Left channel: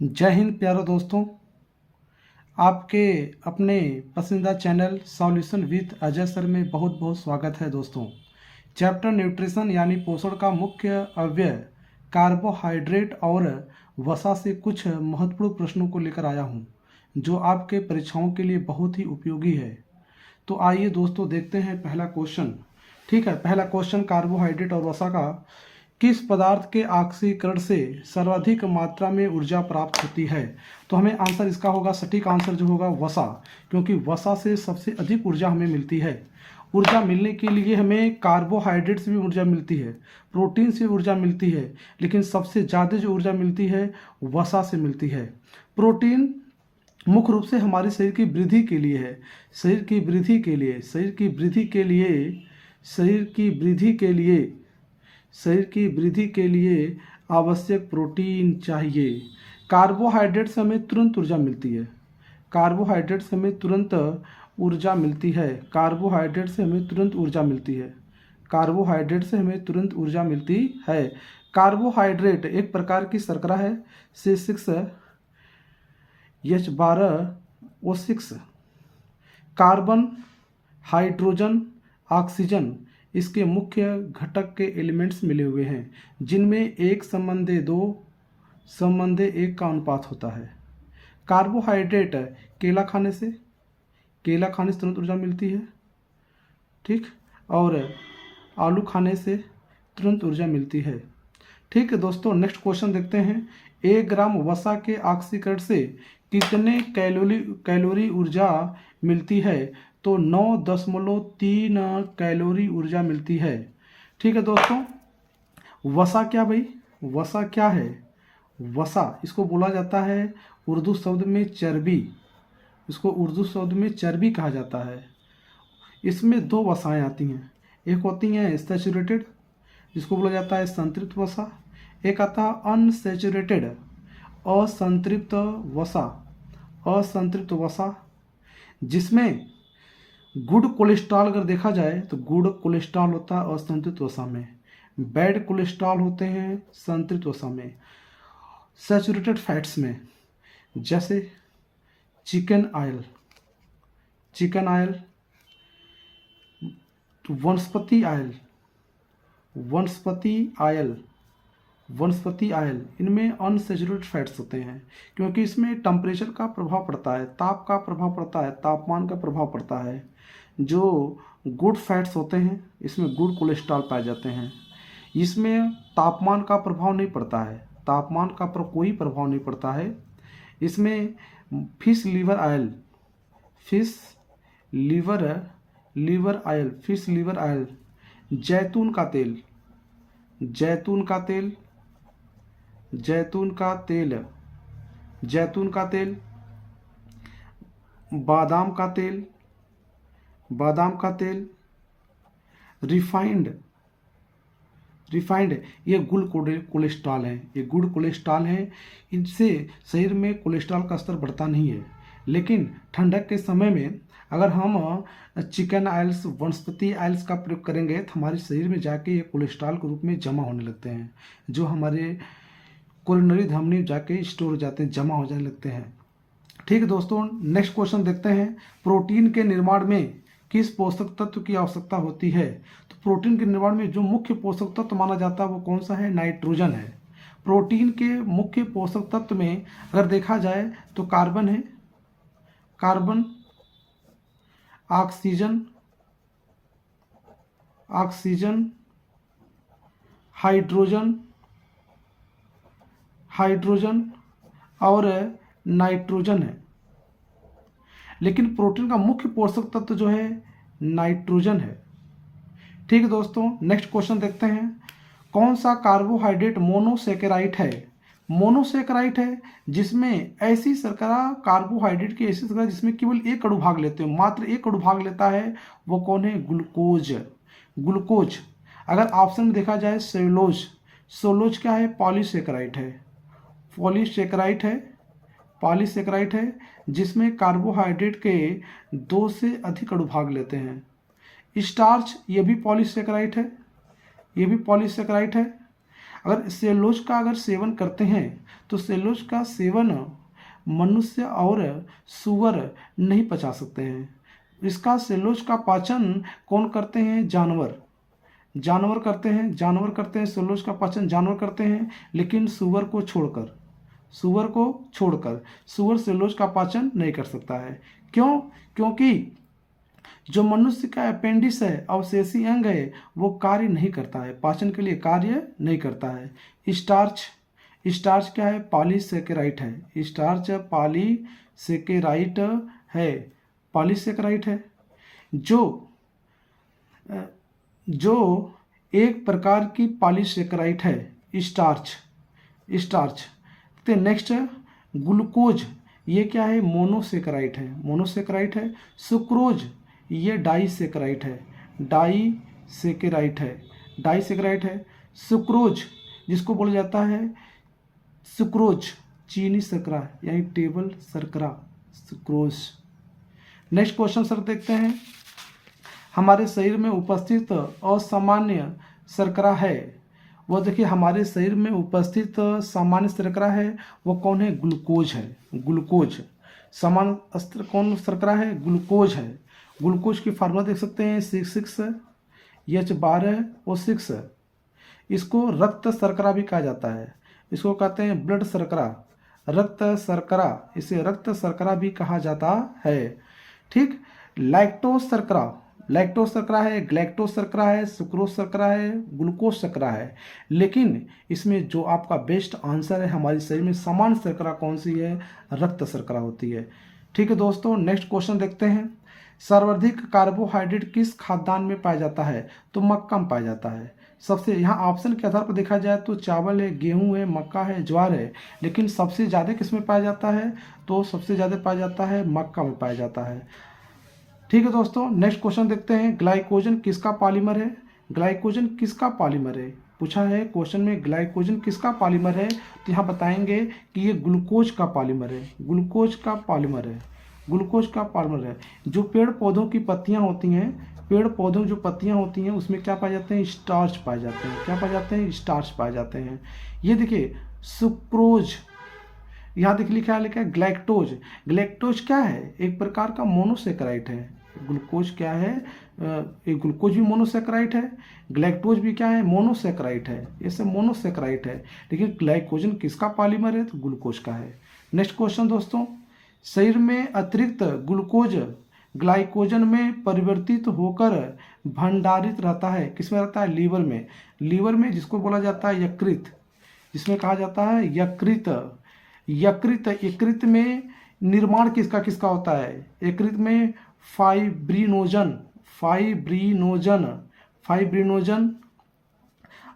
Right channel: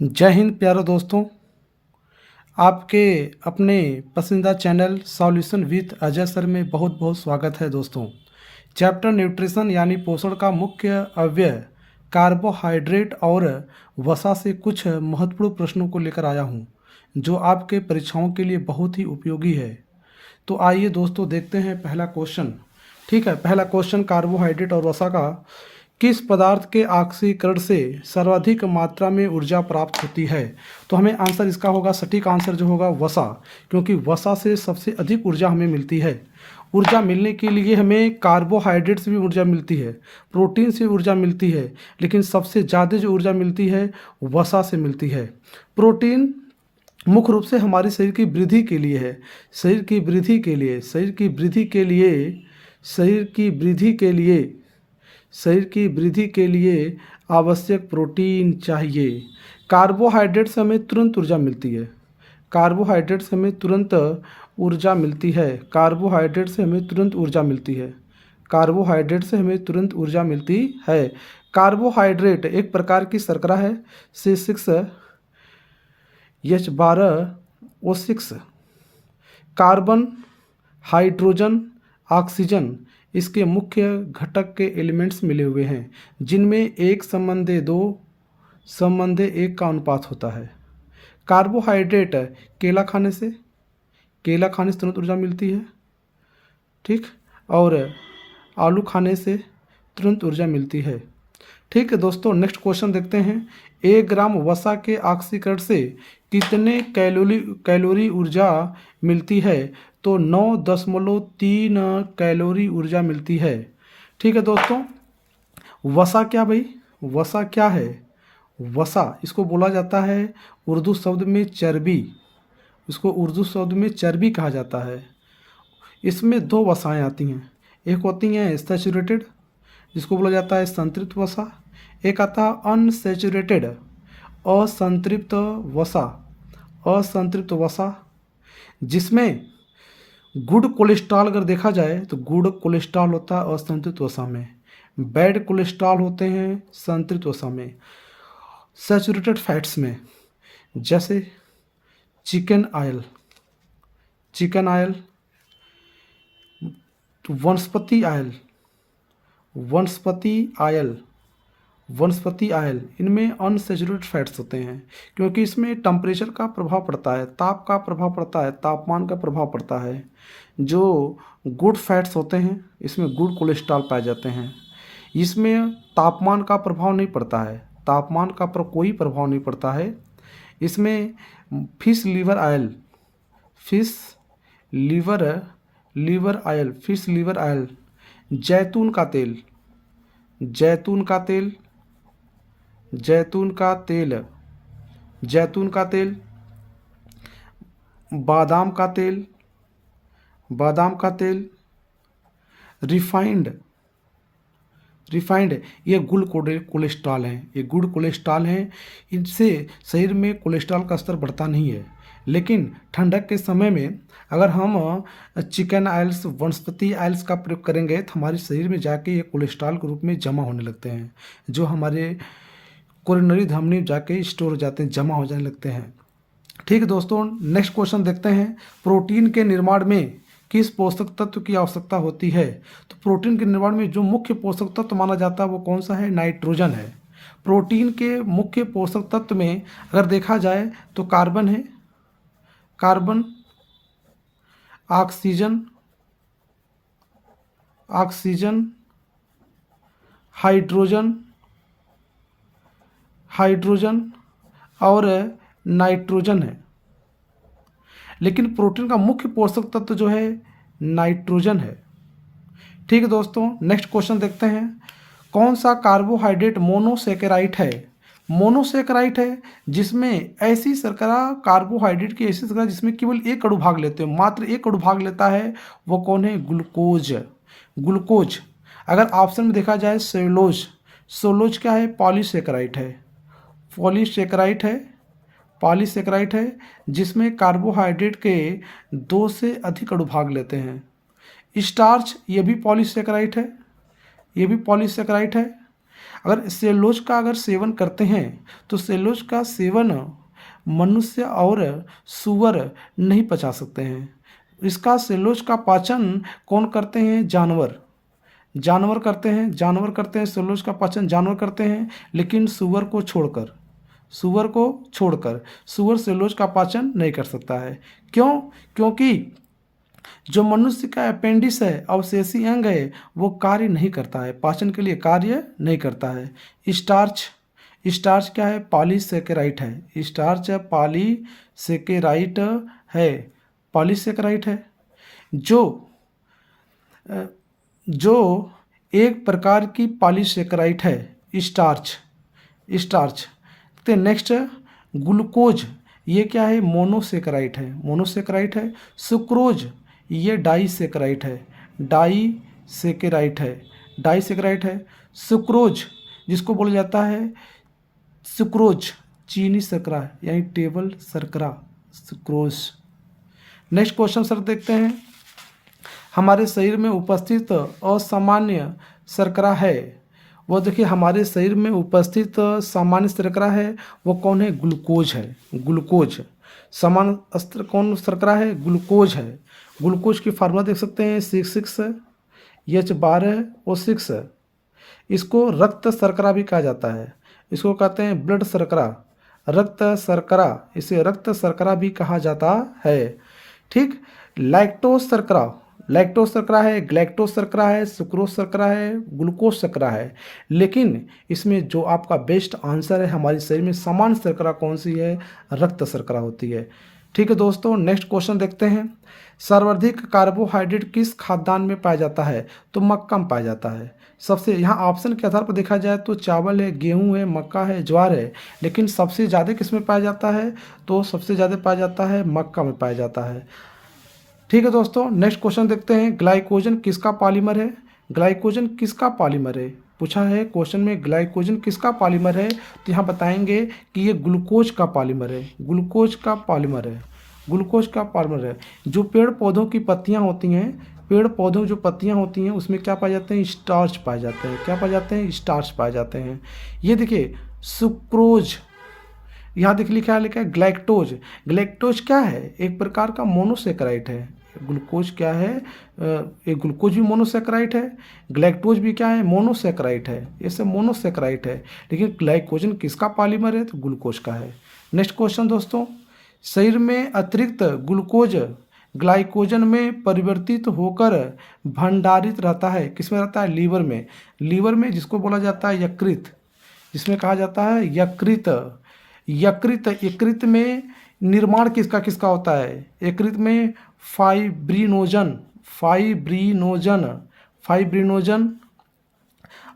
जय हिंद प्यारे दोस्तों। आपके अपने पसंदीदा channel solution with Ajay sir में बहुत बहुत स्वागत है दोस्तों। चैप्टर न्यूट्रिशन यानी पोषण का मुख्य अवयव कार्बोहाइड्रेट और वसा से कुछ महत्वपूर्ण प्रश्नों को लेकर आया हूँ जो आपके परीक्षाओं के लिए बहुत ही उपयोगी है। तो आइए दोस्तों देखते हैं पहला क्वेश्चन। ठीक है, पहला क्वेश्चन कार्बोहाइड्रेट और वसा का, किस पदार्थ के ऑक्सीकरण से सर्वाधिक मात्रा में ऊर्जा प्राप्त होती है? तो हमें आंसर इसका होगा, सटीक आंसर जो होगा वसा, क्योंकि वसा से सबसे अधिक ऊर्जा हमें मिलती है। ऊर्जा मिलने के लिए हमें कार्बोहाइड्रेट से भी ऊर्जा मिलती है, प्रोटीन से ऊर्जा मिलती है, लेकिन सबसे ज़्यादा जो ऊर्जा मिलती है वसा से मिलती है। प्रोटीन मुख्य रूप से हमारे शरीर की वृद्धि के लिए है, शरीर की वृद्धि के लिए, शरीर की वृद्धि के लिए, शरीर की वृद्धि के लिए, शरीर की वृद्धि के लिए आवश्यक प्रोटीन चाहिए। कार्बोहाइड्रेट से हमें तुरंत ऊर्जा मिलती है, कार्बोहाइड्रेट से हमें तुरंत ऊर्जा मिलती है, कार्बोहाइड्रेट से हमें तुरंत ऊर्जा मिलती है, कार्बोहाइड्रेट से हमें तुरंत ऊर्जा मिलती है। कार्बोहाइड्रेट एक प्रकार की शर्करा है, C6H12O6। कार्बन, हाइड्रोजन, ऑक्सीजन इसके मुख्य घटक के एलिमेंट्स मिले हुए हैं, जिनमें एक संबंधे दो संबंधे एक का अनुपात होता है। कार्बोहाइड्रेट केला खाने से, केला खाने से तुरंत ऊर्जा मिलती है, ठीक, और आलू खाने से तुरंत ऊर्जा मिलती है। ठीक है दोस्तों, नेक्स्ट क्वेश्चन देखते हैं। 1 ग्राम वसा के ऑक्सीकरण से कितने कैलोरी ऊर्जा मिलती है? तो 9.3 कैलोरी ऊर्जा मिलती है। ठीक है दोस्तों, वसा क्या भाई, वसा क्या है? वसा इसको बोला जाता है उर्दू शब्द में चर्बी, इसको उर्दू शब्द में चर्बी कहा जाता है। इसमें दो वसाएं आती हैं, एक होती हैं सैचुरेटेड जिसको बोला जाता है संतृप्त वसा, एक आता है अनसैचुरेटेड असंतृप्त वसा, असंतृप्त वसा जिसमें गुड कोलेस्ट्रॉल अगर देखा जाए तो गुड कोलेस्ट्रॉल होता है असंतृप्त वसा में, बैड कोलेस्ट्रॉल होते हैं संतृप्त वसा में। सैचुरेटेड फैट्स में जैसे चिकन ऑयल, चिकन ऑयल, वनस्पति ऑयल, वनस्पति ऑयल, वनस्पति ऑयल, इनमें अनसैचुरेटेड फैट्स होते हैं, क्योंकि इसमें टेम्परेचर का प्रभाव पड़ता है, ताप का प्रभाव पड़ता है, तापमान का प्रभाव पड़ता है। जो गुड फैट्स होते हैं इसमें गुड कोलेस्ट्रॉल पाए जाते हैं, इसमें तापमान का प्रभाव नहीं पड़ता है, तापमान का कोई प्रभाव नहीं पड़ता है। इसमें fish liver oil, fish liver liver oil, fish liver oil, जैतून का तेल, जैतून का तेल, जैतून का तेल, जैतून का तेल, बादाम का तेल, बादाम का तेल, रिफाइंड, रिफाइंड ये गुड कोलेस्ट्रॉल है, ये गुड कोलेस्ट्रॉल है। इनसे शरीर में कोलेस्ट्रॉल का स्तर बढ़ता नहीं है, लेकिन ठंडक के समय में अगर हम चिकन ऑयल्स, वनस्पति ऑयल्स का प्रयोग करेंगे तो हमारे शरीर में जाके ये कोलेस्ट्रॉल के रूप में जमा होने लगते हैं, जो हमारे कोरोनरी धमनी जाके स्टोर हो जाते हैं, जमा हो जाने लगते हैं। ठीक है दोस्तों, नेक्स्ट क्वेश्चन देखते हैं। प्रोटीन के निर्माण में किस पोषक तत्व की आवश्यकता होती है? तो प्रोटीन के निर्माण में जो मुख्य पोषक तत्व माना जाता है वो कौन सा है? नाइट्रोजन है। प्रोटीन के मुख्य पोषक तत्व में अगर देखा जाए तो कार्बन है, carbon, oxygen, oxygen, hydrogen, hydrogen और नाइट्रोजन है। लेकिन प्रोटीन का मुख्य पोषक तत्व जो है नाइट्रोजन है। ठीक है दोस्तों, नेक्स्ट क्वेश्चन देखते हैं। कौन सा कार्बोहाइड्रेट मोनोसेकेराइड है? मोनोसेकेराइड है जिसमें ऐसी शर्करा, कार्बोहाइड्रेट की ऐसी शर्करा जिसमें केवल एक अणु भाग लेते हैं, मात्र एक अणु भाग लेता है, वो कौन है? Glucose, glucose. अगर ऑप्शन में देखा जाए सेलुलोज, सेलुलोज क्या है? पॉलीसेकेराइड है, पॉलीसेकेराइड है, पॉलीसेकेराइड है जिसमें कार्बोहाइड्रेट के दो से अधिक अणु भाग लेते हैं। स्टार्च ये भी पॉलीसेकेराइड है, ये भी पॉलीसेकेराइड है। अगर सेलुलोज का अगर सेवन करते हैं तो सेलुलोज का सेवन मनुष्य और सूअर नहीं पचा सकते हैं। इसका सेलुलोज का पाचन कौन करते हैं? जानवर। जानवर करते हैं, जानवर करते हैं, सेलुलोज का पाचन जानवर करते हैं, लेकिन सूअर को छोड़कर, सूअर को छोड़कर सूअर सेलुलोज का पाचन नहीं कर सकता है। क्यों? क्योंकि जो मनुष्य का अपेंडिक्स है, अवशेषी अंग है, वो कार्य नहीं करता है, पाचन के लिए कार्य नहीं करता है। स्टार्च, स्टार्च क्या है? पॉलीसेकेराइड है। स्टार्च पॉलीसेकेराइड है, पॉलीसेकेराइड है, जो एक प्रकार की पॉलीसेकेराइड है स्टार्च। स्टार्च तो नेक्स्ट ग्लूकोज, ये क्या है? मोनोसेकेराइड है, मोनोसेकेराइड है। सुक्रोज, ये डाइसेकेराइड है, डाइसेकेराइड है, डाइसेकेराइड है। सुक्रोज जिसको बोला जाता है सुक्रोज, चीनी शर्करा यानी टेबल शर्करा, सुक्रोज। नेक्स्ट क्वेश्चन सर देखते हैं। हमारे शरीर में उपस्थित असामान्य शर्करा है, वो देखिए हमारे शरीर में उपस्थित सामान्य शर्करा है, वो कौन है? ग्लूकोज है, ग्लूकोज। सामान्य कौन शर्करा है? ग्लूकोज है। ग्लूकोज की फार्मूला देख सकते हैं, H12O6। इसको रक्त शर्करा भी कहा जाता है, इसको कहते हैं ब्लड शर्करा, रक्त शर्करा, इसे रक्त शर्करा भी कहा जाता है। ठीक। लैक्टोज शर्करा, लैक्टोज शर्करा है, ग्लैक्टोज शर्करा है, सुक्रोज शर्करा है, ग्लूकोज शर्करा है। लेकिन इसमें जो आपका बेस्ट आंसर है, हमारे शरीर में सामान्य शर्करा कौन सी है? रक्त शर्करा होती है। ठीक है दोस्तों, नेक्स्ट क्वेश्चन देखते हैं। सर्वाधिक कार्बोहाइड्रेट किस खाद्यान्न में पाया जाता है? तो मक्का में पाया जाता है। सबसे यहाँ ऑप्शन के आधार पर देखा जाए तो चावल है, गेहूं है, मक्का है, ज्वार है, लेकिन सबसे ज़्यादा किस में पाया जाता है? तो सबसे ज़्यादा पाया जाता है मक्का में पाया जाता है। ठीक है दोस्तों, नेक्स्ट क्वेश्चन देखते हैं। ग्लाइकोजन किसका पॉलीमर है? ग्लाइकोजन किसका पॉलीमर है? पूछा है क्वेश्चन में ग्लाइकोजन किसका पॉलीमर है, तो यहाँ बताएंगे कि ये ग्लूकोज का पॉलीमर है, ग्लूकोज का पॉलीमर है, ग्लूकोज का पॉलीमर है। जो पेड़ पौधों की पत्तियाँ होती हैं, पेड़ पौधों की जो पत्तियाँ होती हैं उसमें क्या पाए जाते हैं? स्टार्च पाए जाते हैं। क्या पाए जाते हैं? स्टार्च पाए जाते हैं। ये देखिए सुक्रोज, यहाँ देखिए लिखा है ग्लैक्टोज। ग्लैक्टोज क्या है? एक प्रकार का मोनोसेकेराइड है। ग्लूकोज क्या है? एक ग्लूकोज भी मोनोसेकेराइड है, ग्लैक्टोज भी क्या है? मोनोसेकेराइड है, ये सब मोनोसेकेराइड है। लेकिन ग्लाइकोजन किसका पॉलीमर है? तो ग्लूकोज का है। नेक्स्ट क्वेश्चन दोस्तों, शरीर में अतिरिक्त ग्लूकोज ग्लाइकोजन में परिवर्तित होकर भंडारित रहता है, किसमें रहता है? लीवर में। लीवर में, जिसको बोला जाता है यकृत, जिसमें कहा जाता है यकृत। यकृत, यकृत में निर्माण किसका किसका होता है? यकृत में फाइब्रिनोजन, फाइब्रिनोजन, फाइब्रिनोजन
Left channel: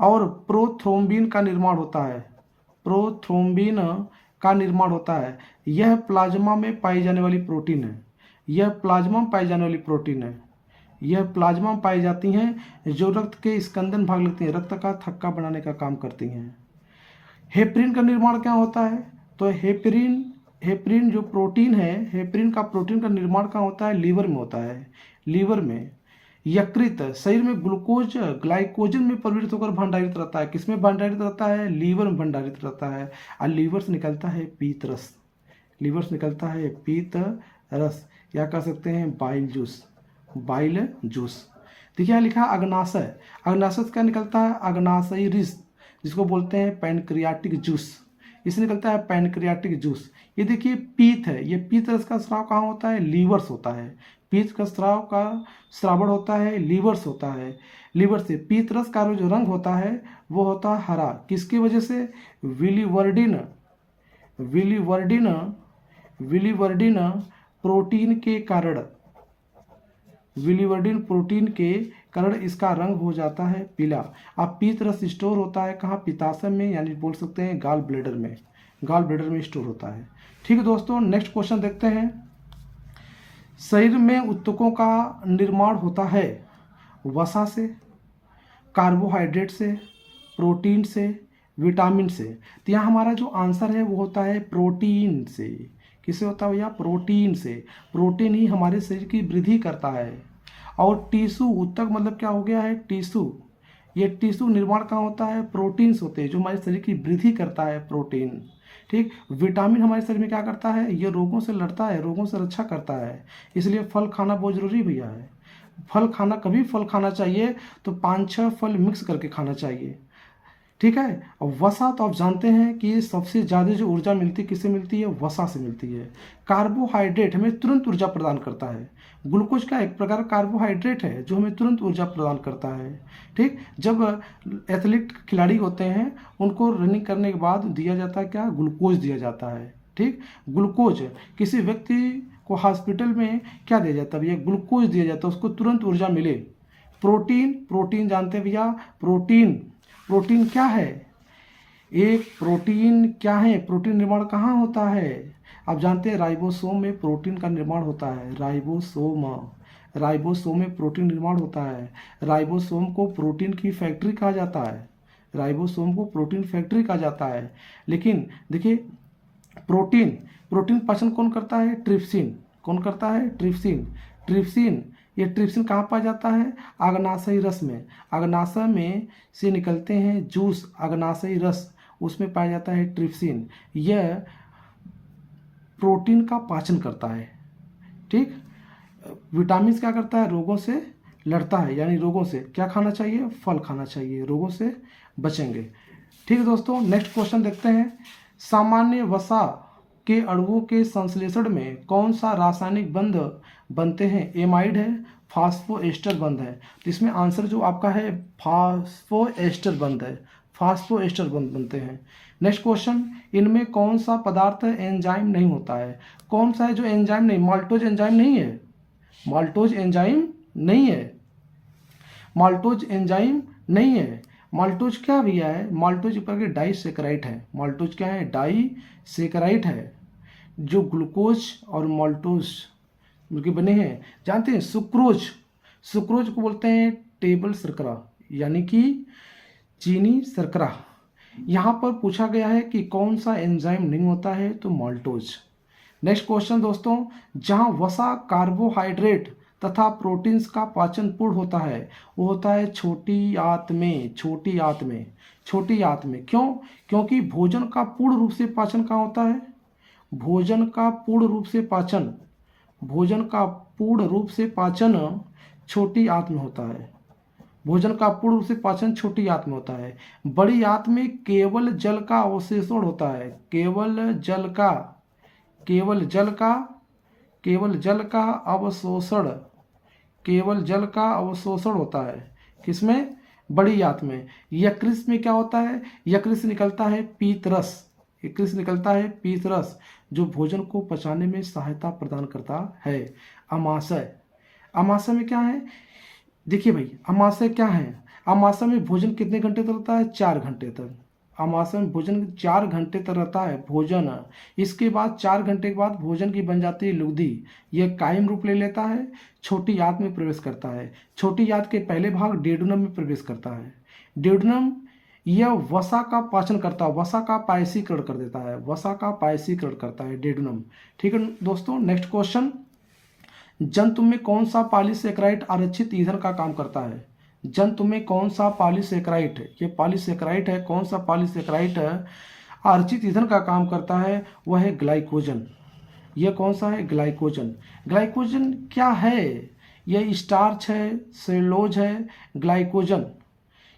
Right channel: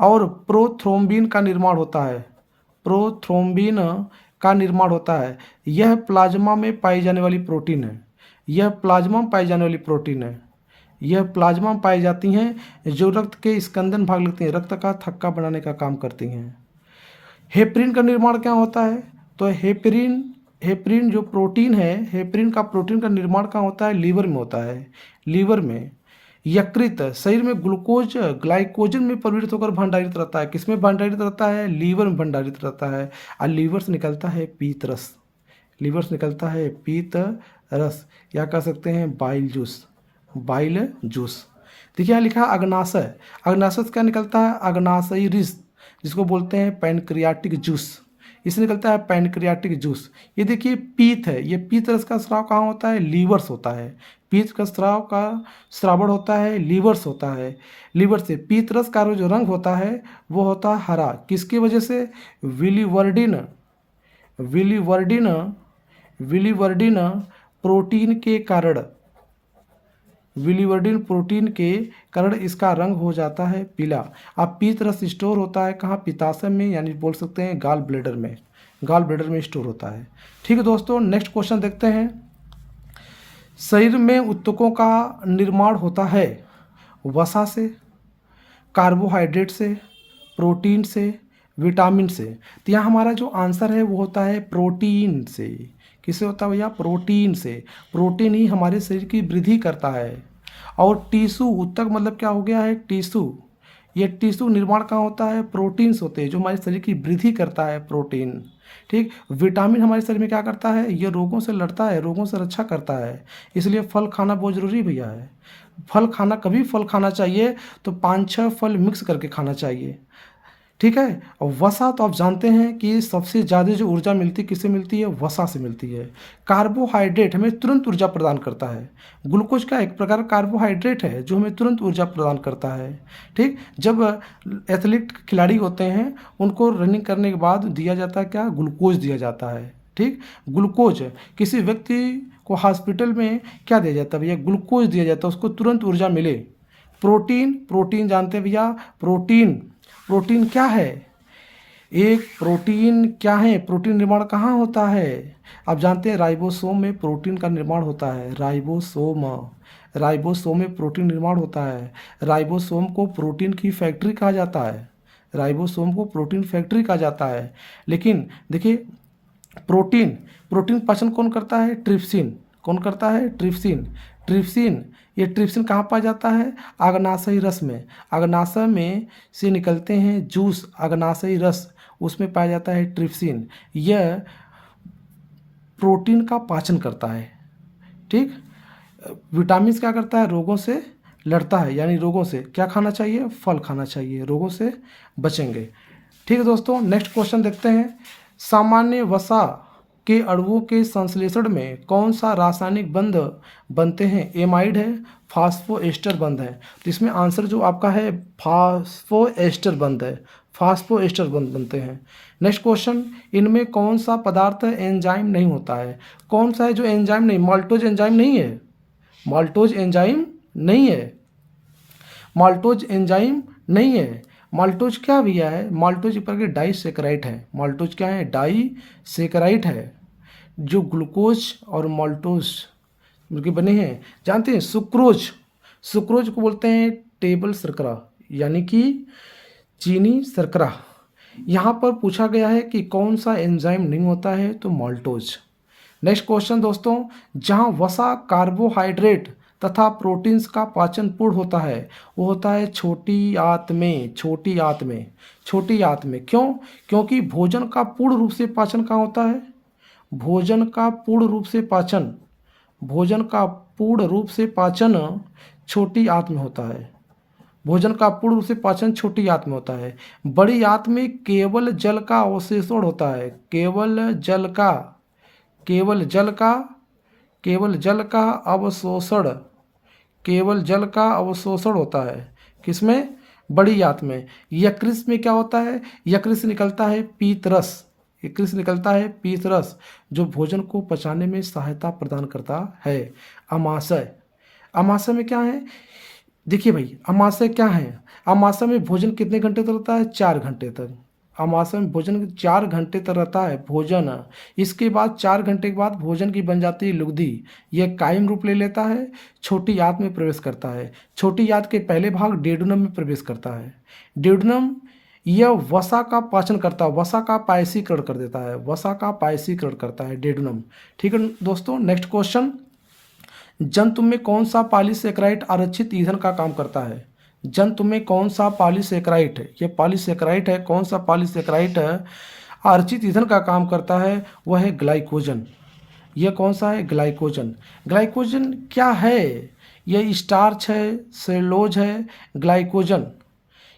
और प्रोथ्रोम्बिन का निर्माण होता है, प्रोथ्रोम्बिन का निर्माण होता है। यह प्लाज्मा में पाई जाने वाली प्रोटीन है, यह प्लाज्मा में पाई जाने वाली प्रोटीन है, यह प्लाज्मा में पाई जाती हैं, जो रक्त के स्कंदन भाग लेती हैं, रक्त का थक्का बनाने का काम करती हैं। हेपरिन का निर्माण क्या होता है? तो हेपरिन, हेपरिन जो प्रोटीन है, हेपरिन का प्रोटीन का निर्माण कहाँ होता है? लीवर में होता है, लीवर में। यकृत शरीर में ग्लूकोज ग्लाइकोजन में परिवर्तित होकर भंडारित रहता है, किसमें भंडारित रहता है? लीवर में भंडारित रहता है। और लीवर से निकलता है पीत रस, लीवर से निकलता है पीत रस, या कह सकते हैं बाइल जूस, बाइल जूस। देखिए यहाँ लिखा है अग्नाशय, अग्नाशय से क्या निकलता है? अग्नाशयी रिस, जिसको बोलते हैं पैनक्रियाटिक जूस, इससे निकलता है पैनक्रियाटिक जूस। ये देखिए पीत है, ये पीत रस का स्राव कहाँ होता है? लीवर से होता है। पीत का स्राव का श्रावण होता है लीवर से होता है, लीवर से। पीत रस का जो रंग होता है वो होता है हरा, किसकी वजह से? विलिवर्डिन, विलिवर्डिन, विलिवर्डिन प्रोटीन के कारण, विलिवर्डिन प्रोटीन के कारण इसका रंग हो जाता है पीला। अब पीत रस स्टोर होता है कहाँ? पित्ताशय में, यानी बोल सकते हैं गाल ब्लेडर में, गाल ब्लेडर में स्टोर होता है। ठीक है दोस्तों, नेक्स्ट क्वेश्चन देखते हैं। शरीर में ऊतकों का निर्माण होता है वसा से, कार्बोहाइड्रेट से, प्रोटीन से, विटामिन से। तो यहाँ हमारा जो आंसर है वो होता है प्रोटीन से। किससे होता है भैया? प्रोटीन से। प्रोटीन ही हमारे शरीर की वृद्धि करता है। और टिश्यू, ऊतक मतलब क्या हो गया है? टिश्यू, ये टिश्यू निर्माण कहाँ होता है, प्रोटीन्स होते हैं जो हमारे शरीर की वृद्धि करता है, प्रोटीन। ठीक, विटामिन हमारे शरीर में क्या करता है, ये रोगों से लड़ता है, रोगों से रक्षा करता है। इसलिए फल खाना बहुत जरूरी भैया है। फल खाना, कभी फल खाना चाहिए तो 5-6 फल मिक्स करके खाना चाहिए। ठीक है। और वसा तो आप जानते हैं कि सबसे ज़्यादा जो ऊर्जा मिलती है किससे मिलती है, वसा से मिलती है। कार्बोहाइड्रेट हमें तुरंत ऊर्जा प्रदान करता है। ग्लूकोज का एक प्रकार कार्बोहाइड्रेट है जो हमें तुरंत ऊर्जा प्रदान करता है। ठीक, जब एथलीट खिलाड़ी होते हैं उनको रनिंग करने के बाद दिया जाता है क्या, ग्लूकोज दिया जाता है। ठीक, ग्लूकोज किसी व्यक्ति को हॉस्पिटल में क्या दिया जाता है भैया, ग्लूकोज दिया जाता है, उसको तुरंत ऊर्जा मिले। प्रोटीन, प्रोटीन जानते हैं भैया, प्रोटीन, प्रोटीन क्या है, एक प्रोटीन क्या है, प्रोटीन निर्माण कहाँ होता है, आप जानते हैं राइबोसोम में प्रोटीन का निर्माण होता है। राइबोसोम, राइबोसोम में प्रोटीन निर्माण होता है। राइबोसोम को प्रोटीन की फैक्ट्री कहा जाता है। राइबोसोम को प्रोटीन फैक्ट्री कहा जाता है। लेकिन देखिए, प्रोटीन, प्रोटीन पाचन कौन करता है, ट्रिप्सिन। कौन करता है, ट्रिप्सिन। ट्रिप्सिन, ये ट्रिप्सिन कहाँ पाया जाता है, अग्नाशयी रस में। अग्नाशय में से निकलते हैं जूस, अग्नाशयी रस, उसमें पाया जाता है ट्रिप्सिन। यह प्रोटीन का पाचन करता है। ठीक, विटामिन क्या करता है, रोगों से लड़ता है, यानी रोगों से क्या खाना चाहिए, फल खाना चाहिए, रोगों से बचेंगे। ठीक है दोस्तों, नेक्स्ट क्वेश्चन देखते हैं। सामान्य वसा के अणुओं के संश्लेषण में कौन सा रासायनिक बंध बनते हैं, एमाइड है, फास्फोएस्टर बंध है। तो इसमें आंसर जो आपका है फास्फोएस्टर बंध है, फास्फोएस्टर बंध बनते हैं। नेक्स्ट क्वेश्चन, इनमें कौन सा पदार्थ एंजाइम नहीं होता है, कौन सा है जो एंजाइम नहीं, माल्टोज एंजाइम नहीं है, माल्टोज एंजाइम नहीं है, माल्टोज एंजाइम नहीं है। माल्टोज क्या भैया है, माल्टोज एक प्रकार के डाइसेकेराइड है। माल्टोज क्या है, डाइसेकेराइड है, जो ग्लूकोज और माल्टोज मिलके बने हैं। जानते हैं सुक्रोज, सुक्रोज को बोलते हैं टेबल शर्करा, यानी कि चीनी शर्करा। यहाँ पर पूछा गया है कि कौन सा एंजाइम नहीं होता है, तो माल्टोज। नेक्स्ट क्वेश्चन दोस्तों, जहाँ वसा, कार्बोहाइड्रेट तथा प्रोटीन्स का पाचन पूर्ण होता है वो होता है छोटी आंत में, छोटी आंत में, छोटी आंत में। क्यों, क्योंकि भोजन का पूर्ण रूप से पाचन कहाँ होता है, भोजन का पूर्ण रूप से पाचन, भोजन का पूर्ण रूप से पाचन छोटी आंत में होता है। भोजन का पूर्ण रूप से पाचन छोटी आंत में होता है। बड़ी आंत में केवल जल का अवशोषण होता है, केवल जल का, केवल जल का, केवल जल का अवशोषण, केवल जल का अवशोषण होता है। किसमें, बड़ी आंत में। यकृत में क्या होता है, यकृत से निकलता है पीतरस, यकृत से निकलता है पीतरस जो भोजन को पचाने में सहायता प्रदान करता है। अमाशय, अमाशय में क्या है, देखिए भाई अमाशय क्या है, अमाशय में भोजन कितने घंटे तक रहता है, 4 घंटे तक। अमाशय में भोजन 4 घंटे तक रहता है भोजन। इसके बाद 4 घंटे के बाद भोजन की बन जाती है लुगदी। यह कायम रूप ले लेता है, छोटी आंत में प्रवेश करता है। छोटी आंत के पहले भाग डेडुनम में प्रवेश करता है। डेडुनम यह वसा का पाचन करता है, वसा का पायसीकरण कर देता है, वसा का पायसीकरण करता है डेडुनम। ठीक है दोस्तों, नेक्स्ट क्वेश्चन, जंतु में कौन सा पॉलीसेकेराइड आरक्षित ईंधन का काम करता है, जंतु में कौन सा पॉलीसेकेराइड है, ये पॉलीसेकेराइड है, कौन सा पॉलीसेकेराइड है आरक्षित ईंधन का काम करता है, वह है ग्लाइकोजन। यह कौन सा है, ग्लाइकोजन। ग्लाइकोजन क्या है, यह स्टार्च है, सेलुलोज है, ग्लाइकोजन।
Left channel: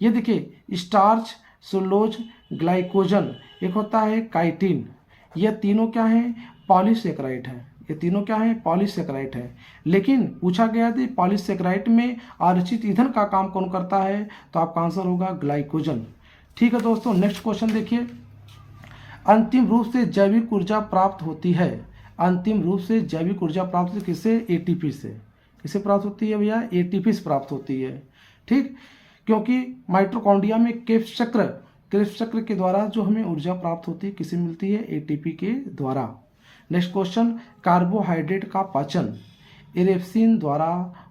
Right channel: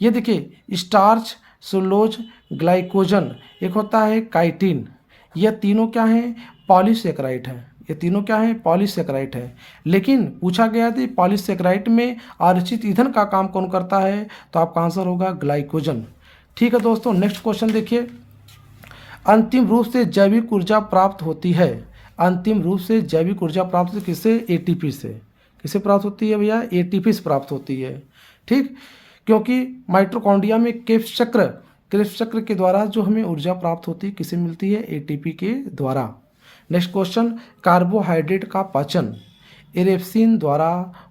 ये देखिए स्टार्च, सेलुलोज, ग्लाइकोजन, एक होता है काइटिन। यह तीनों क्या है, पॉलीसेकेराइड है, ये तीनों क्या है, पॉलीसेकेराइड है। लेकिन पूछा गया था पॉलीसेकेराइड में आरक्षित ईंधन का काम कौन करता है, तो आपका आंसर होगा ग्लाइकोजन। ठीक है दोस्तों, नेक्स्ट क्वेश्चन देखिए, अंतिम रूप से जैविक ऊर्जा प्राप्त होती है, अंतिम रूप से जैविक ऊर्जा प्राप्त होती है किससे, एटीपी से। किससे प्राप्त होती है भैया, एटीपी से प्राप्त होती है। ठीक, क्योंकि माइटोकॉन्ड्रिया में क्रेब्स चक्र, क्रेब्स चक्र के द्वारा जो हमें ऊर्जा प्राप्त होती है किससे मिलती है, एटीपी के द्वारा। नेक्स्ट क्वेश्चन, कार्बोहाइड्रेट का पाचन एरेप्सिन द्वारा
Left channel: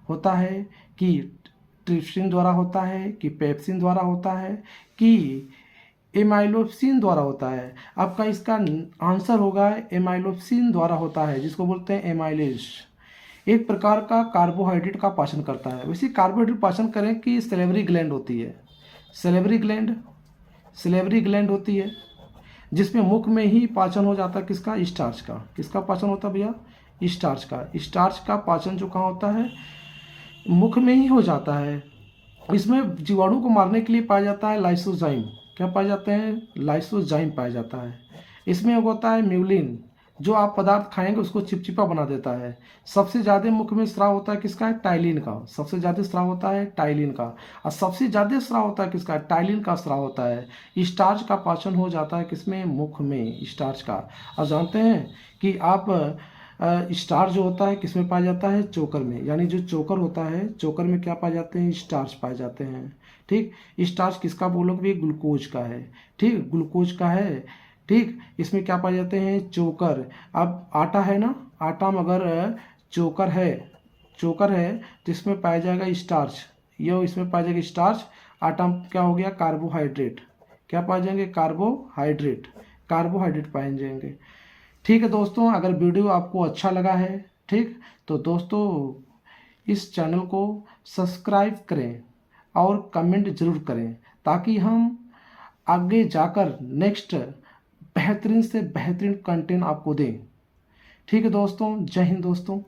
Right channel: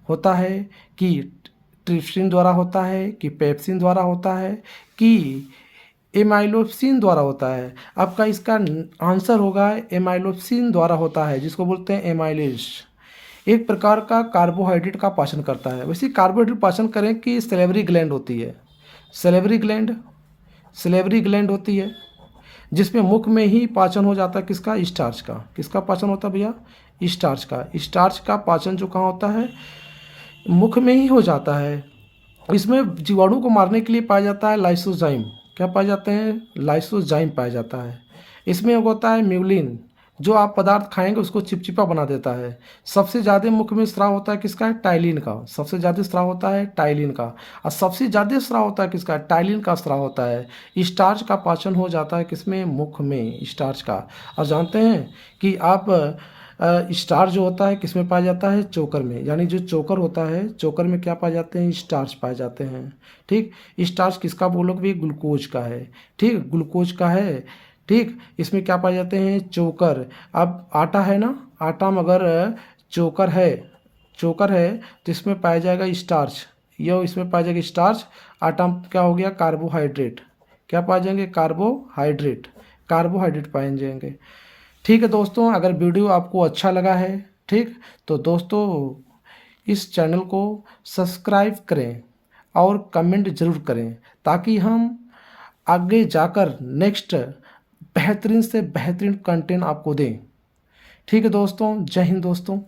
होता है कि ट्रिप्सिन द्वारा होता है कि पेप्सिन द्वारा होता है कि एमाइलोप्सिन द्वारा होता है। आपका इसका आंसर होगा एमाइलोप्सिन द्वारा होता है, जिसको बोलते हैं एमाइलेज। एक प्रकार का कार्बोहाइड्रेट का पाचन करता है। वैसे कार्बोहाइड्रेट पाचन करें कि सैलिवरी ग्लैंड होती है, सलेवरी ग्लैंड होती है, जिसमें मुख में ही पाचन हो जाता है किसका, स्टार्च का। किसका पाचन होता है भैया, स्टार्च का। स्टार्च का पाचन जो कहाँ होता है, मुख में ही हो जाता है। इसमें जीवाणु को मारने के लिए पाया जाता है लाइसोजाइम। क्या पाए जाते हैं, लाइसोजाइम पाया जाता है। इसमें होता है म्यूलिन, जो आप पदार्थ खाएंगे उसको चिपचिपा बना देता है। सबसे ज़्यादा मुख में स्राव होता है किसका, है टाइलिन का। सबसे ज़्यादा स्राव होता है टाइलिन का। और सबसे ज़्यादा स्राव होता है किसका, टाइलिन का स्राव होता है। स्टार्च का पाचन हो जाता है किसमें, मुख में, स्टार्च का। और जानते हैं कि आप स्टार्च जो होता है किस में पाया जाता है, चोकर में। यानी जो चोकर होता है, चोकर में क्या पाए जाते हैं, स्टार्च पाए जाते हैं। ठीक, स्टार्च किसका बोलोगे भी, ग्लूकोज का है। ठीक, ग्लूकोज का है। ठीक, इसमें क्या पाए जाते हैं, चोकर। अब आटा है ना, आटा में अगर चोकर है, चोकर है तो इसमें पाया जाएगा स्टार्च। यह इसमें पाया जाएगा स्टार्च। आटा में क्या हो गया, कार्बोहाइड्रेट। क्या पाए जाएंगे, कार्बोहाइड्रेट। कार्बोहाइड्रेट पाए जाएंगे। ठीक है दोस्तों, अगर वीडियो आपको अच्छा लगा है, ठीक, तो दोस्तों इस चैनल को सब्सक्राइब करें और कमेंट ज़रूर करें, ताकि हम आगे जाकर नेक्स्ट बेहतरीन से बेहतरीन कंटेंट आपको दें। ठीक है दोस्तों, जय हिंद दोस्तों।